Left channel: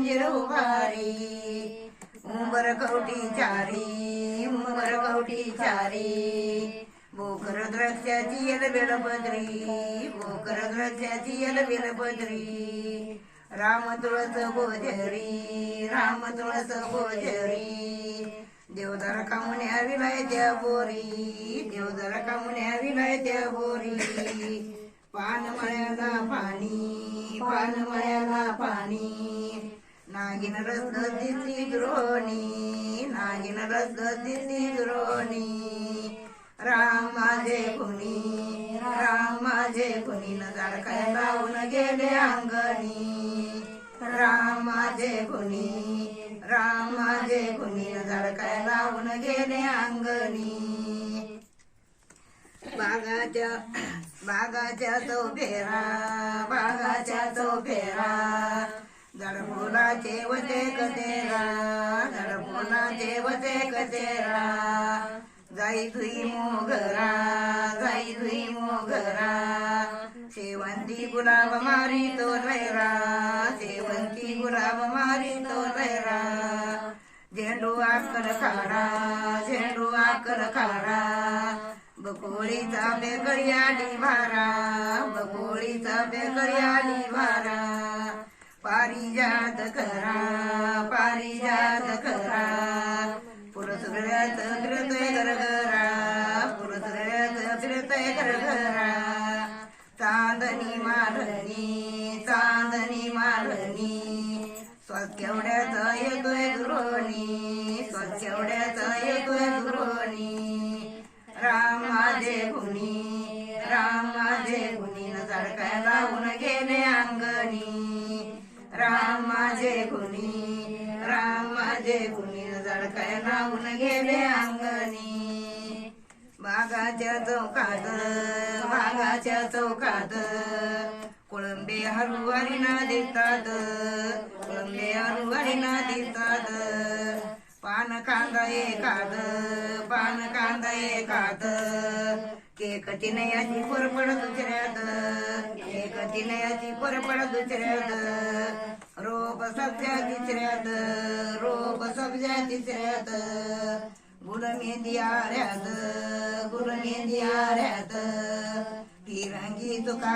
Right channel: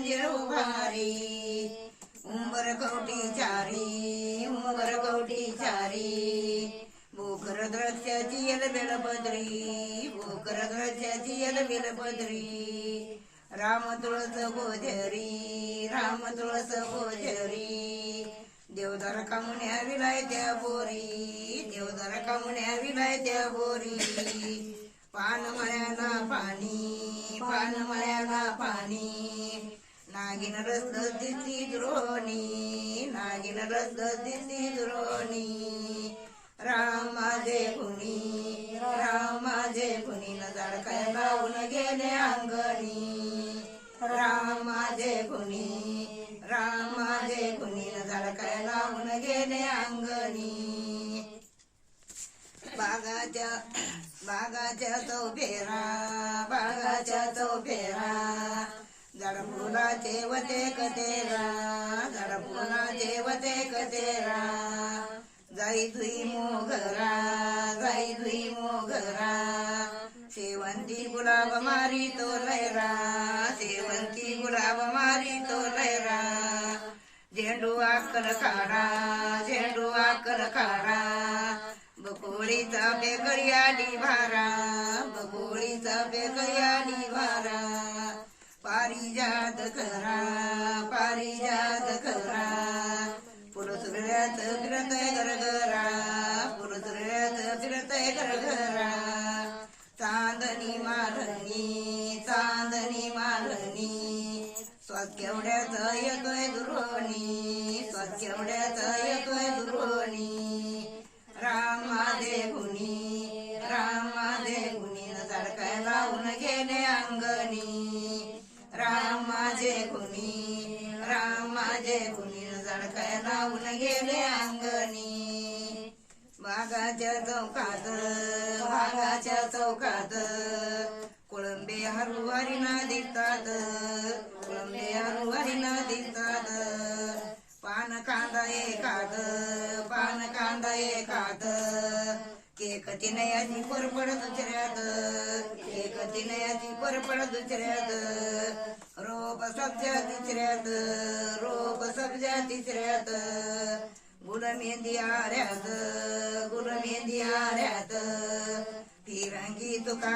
मंजिर उभारी उंबर कवटी चारी बोकर द्राक्षाची यल बेलपत्री बोकर द्राक्षाची यल बेलपत्री राम तुळस गोजरी देवदार कामुण्या विलायत्या बोरी देवदार कामुण्या विलायत्या बोरी पान मळ्याला पाणी नागिन रस दिसती द्रोणी राम माझे कुणी न झाडकाय लावून गेले अंगणी राम माझे कुणी न झाडकाय लावून गेले अंगणी बागाच्या चौफेरा झाड फुलाचे वते कतेरा जाई धुई मोगरा शेवंती गुलाब मारी तो लैरा झेंडू आकल खारा बकोळीचा बेकळी भारा पारिजात करा पुरसुगळ्याचं फिरतय गरगरा चांदणी मालनी स्वच्छ येतोय दुरोणी राम माझे कुणी न झाडकाय लावून गेले अंगणी राम माझे कुणी न झाडकाय लावून गेले अंगणी बागाच्या चौकात कोळंबे हरुवारी ना दिसतात पान कांदा एकाद केक तिनयाची परपड दुसऱ्यात रोप सब्जा तिसऱ्यात गुड मेहंदी आऱ्यात फिरंगी तुका